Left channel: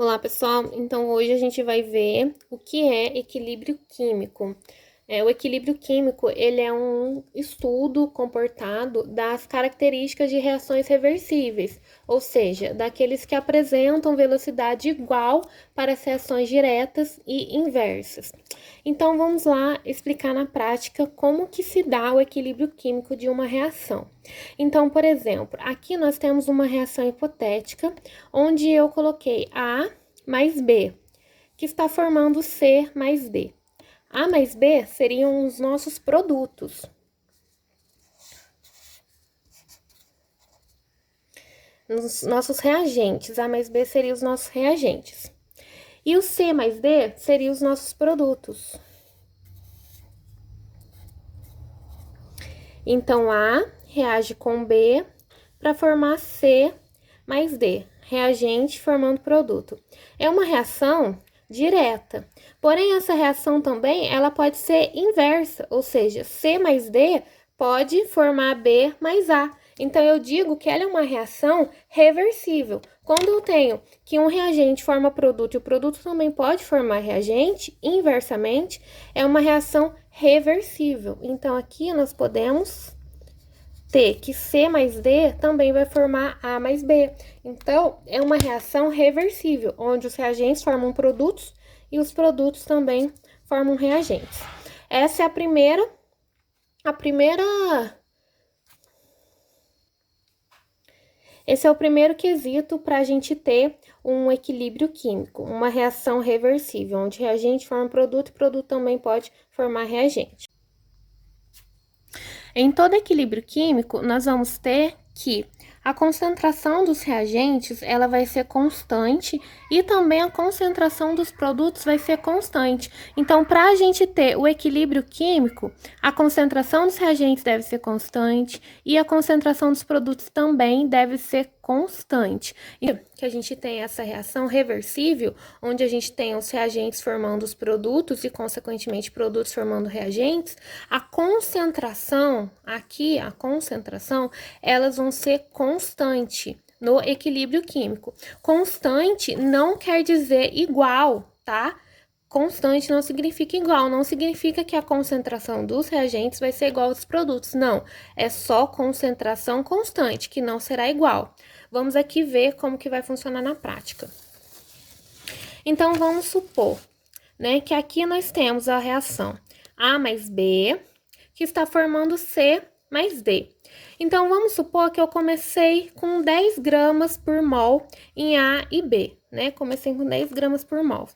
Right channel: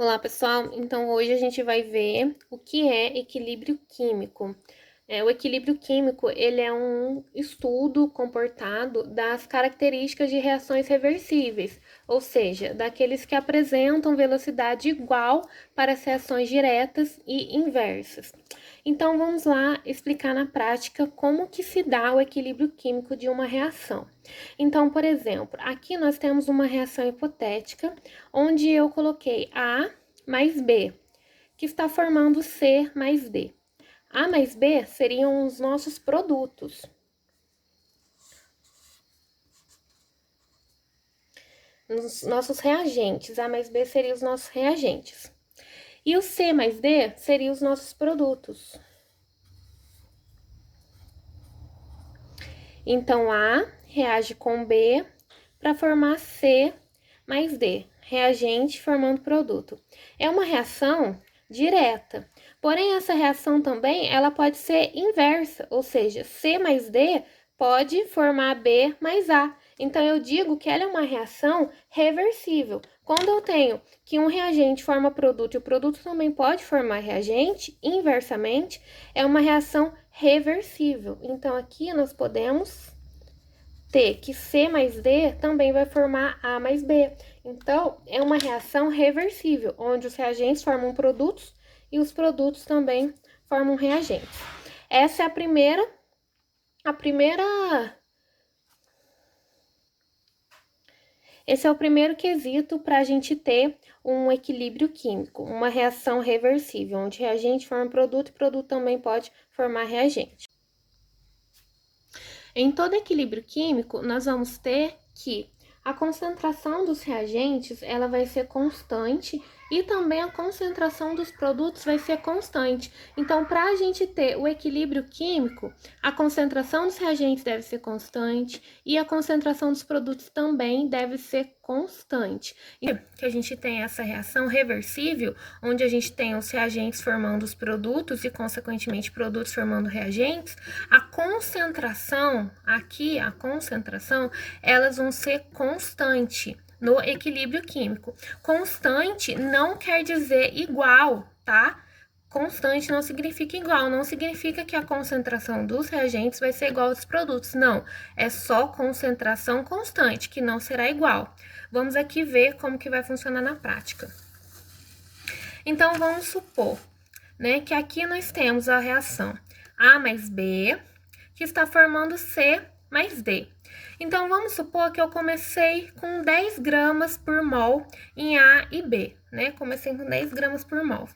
Olá, pessoal. Então, hoje a gente vai ver o que é equilíbrio químico. O equilíbrio químico, ele é um estudo comportado das características de reações reversíveis, ou seja, daqueles que apresentam velocidade igual para as reações diretas e inversas. Então, vamos lá explicar na prática como que se dá o equilíbrio químico de uma reação. Então, por exemplo, aqui nós temos uma reação hipotética, onde eu coloquei A mais B, que está formando C mais D. A mais B seriam os nossos produtos. Os nossos reagentes. A mais B seriam os nossos reagentes. E o C mais D seriam os nossos produtos. Então, A reage com B para formar C mais D, reagente formando produto. É uma reação direta. Porém, essa reação também ela pode ser inversa, ou seja, C mais D pode formar B mais A. Então, eu digo que ela é uma reação reversível. Quando eu tenho que um reagente forma produto e o produto também pode formar reagente, inversamente, é uma reação reversível. Então, aqui nós podemos ter que C mais D também vai formar A mais B. Então, é uma reação reversível, onde os reagentes formam produtos e os produtos também formam reagentes. Essa é a primeira Esse é o primeiro quesito para a gente ter um equilíbrio químico, uma reação reversível, onde reagente forma produto e produto também pode formar reagente. Em todo equilíbrio químico, nós vamos ter que a concentração dos reagentes ela vai ser constante e também a concentração dos produtos vai ser constante. Então, para a gente ter o equilíbrio químico, a concentração dos reagentes deve ser constante e a concentração dos produtos também deve ser constante. E que a gente tem essa reação reversível, onde a gente tem os reagentes formando os produtos e, consequentemente, produtos formando reagentes, a concentração, elas vão ser constante no equilíbrio químico. Constante não quer dizer igual, tá? Constante não significa igual, não significa que a concentração dos reagentes vai ser igual aos produtos, não. É só concentração constante, que não será igual. Vamos aqui ver como que vai funcionar na prática. Então, vamos supor, né, que aqui nós temos a reação A mais B, que está formando C mais D. Então, vamos supor que eu comecei com 10 gramas por mol em A e B, né? Comecei com 10 gramas por mol.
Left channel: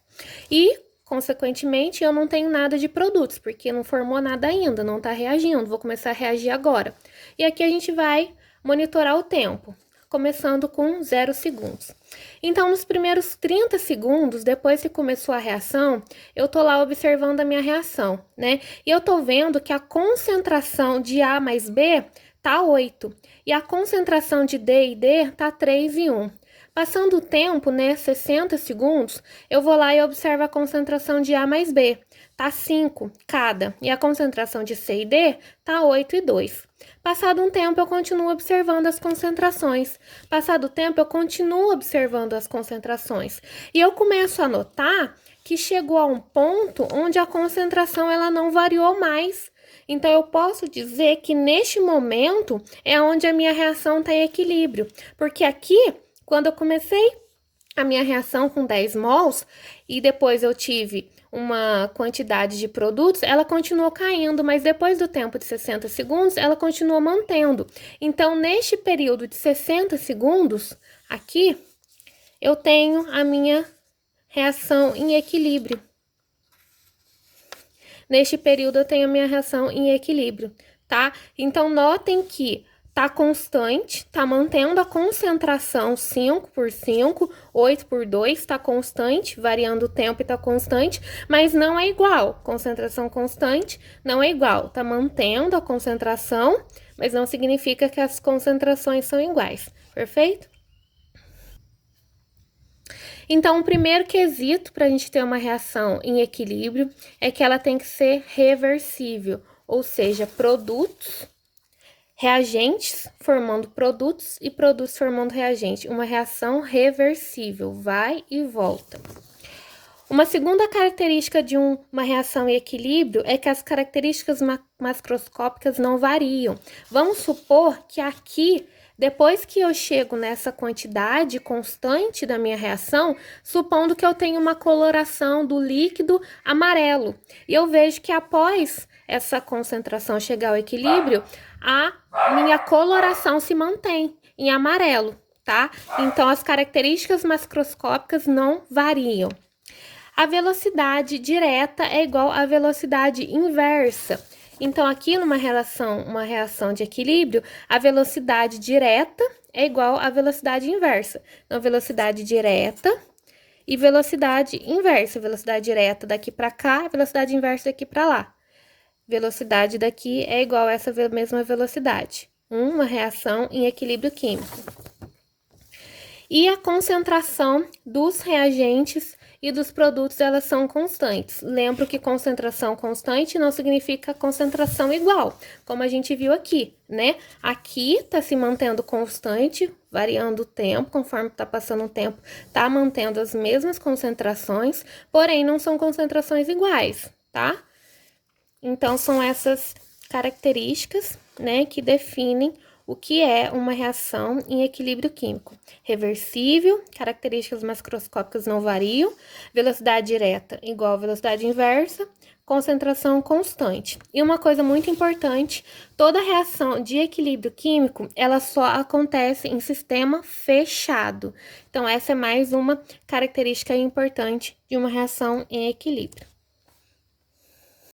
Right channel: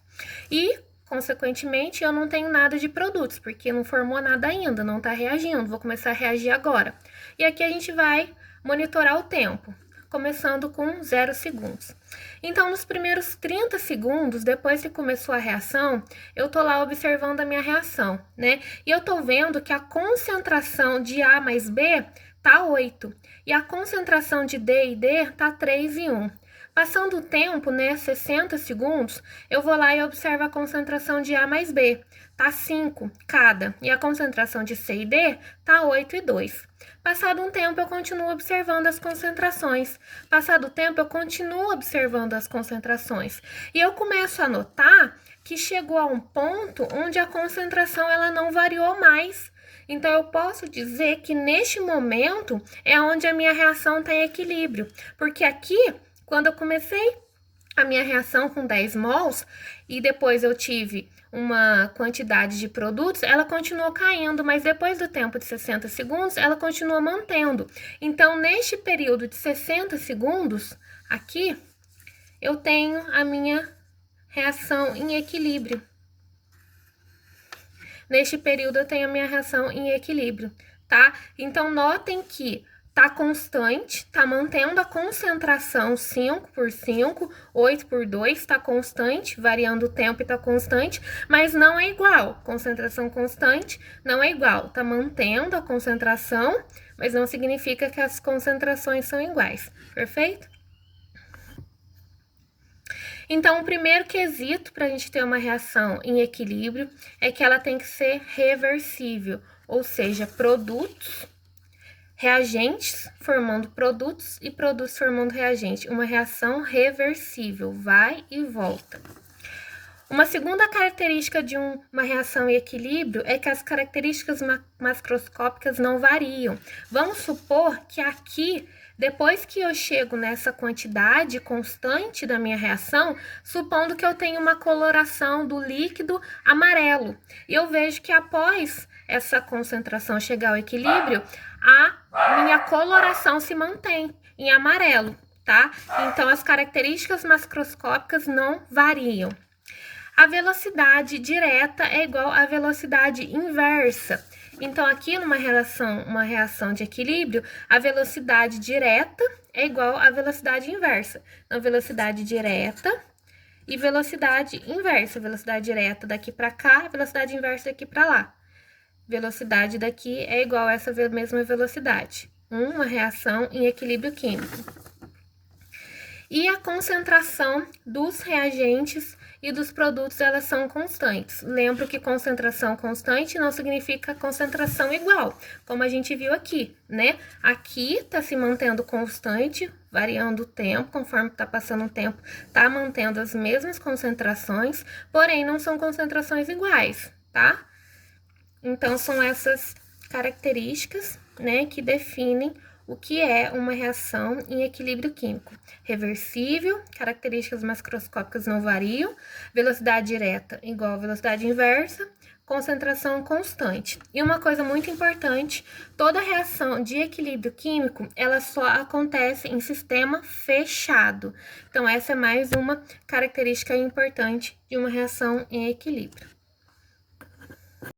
E, consequentemente, eu não tenho nada de produtos, porque não formou nada ainda, não está reagindo. Vou começar a reagir agora. E aqui a gente vai monitorar o tempo, começando com 0 segundos. Então, nos primeiros 30 segundos, depois que começou a reação, eu tô lá observando a minha reação, né? E eu tô vendo que a concentração de A mais B tá 8, e a concentração de D e D tá 3 e 1. Passando o tempo, né, 60 segundos, eu vou lá e observo a concentração de A mais B, tá 5 cada, e a concentração de C e D tá 8 e 2. Passado um tempo, eu continuo observando as concentrações. Passado o tempo, eu continuo observando as concentrações. E eu começo a notar que chegou a um ponto onde a concentração ela não variou mais. Então, eu posso dizer que neste momento é onde a minha reação está em equilíbrio. Porque aqui, quando eu comecei a minha reação com 10 mols e depois eu tive uma quantidade de produtos, ela continuou caindo, mas depois do tempo de 60 segundos, ela continua mantendo. Então, neste período de 60 segundos, aqui, eu tenho a minha reação em equilíbrio. Neste período, eu tenho a minha reação em equilíbrio, tá? Então, notem que tá constante, tá mantendo a concentração 5 por 5, 8 por 2, tá constante, variando o tempo e tá constante, mas não é igual. Concentração constante não é igual, tá mantendo a concentração, mas não significa que as concentrações são iguais, perfeito? Então, o primeiro quesito para a gente ter uma reação em equilíbrio é que ela tem que ser reversível, ou seja, produtos reagentes formando produtos e produtos formando reagente. Uma reação reversível, vai e volta. Uma segunda característica de uma reação em equilíbrio é que as características macroscópicas não variam. Vamos supor que aqui, depois que eu chego nessa quantidade constante da minha reação, supondo que eu tenho uma coloração do líquido amarelo, e eu vejo que após essa concentração chegar ao equilíbrio, a minha coloração se mantém em amarelo, tá? Então, as características macroscópicas não variam. A velocidade direta é igual à velocidade inversa. Então, aqui uma reação de equilíbrio, a velocidade direta é igual à velocidade inversa. Então, velocidade direta e velocidade inversa. Velocidade direta daqui para cá, velocidade inversa daqui para lá. Velocidade daqui é igual a essa mesma velocidade. Uma reação em equilíbrio químico. E a concentração dos reagentes e dos produtos, elas são constantes. Lembro que concentração constante não significa concentração igual, como a gente viu aqui, né? Aqui tá se mantendo constante, variando o tempo, conforme tá passando o tempo, tá mantendo as mesmas concentrações, porém não são concentrações iguais, tá? Então, são essas características, né, que definem o que é uma reação em equilíbrio químico. Reversível, características macroscópicas não variam, velocidade direta igual a velocidade inversa, concentração constante. E uma coisa muito importante, toda reação de equilíbrio químico, ela só acontece em sistema fechado. Então, essa é mais uma característica importante de uma reação em equilíbrio.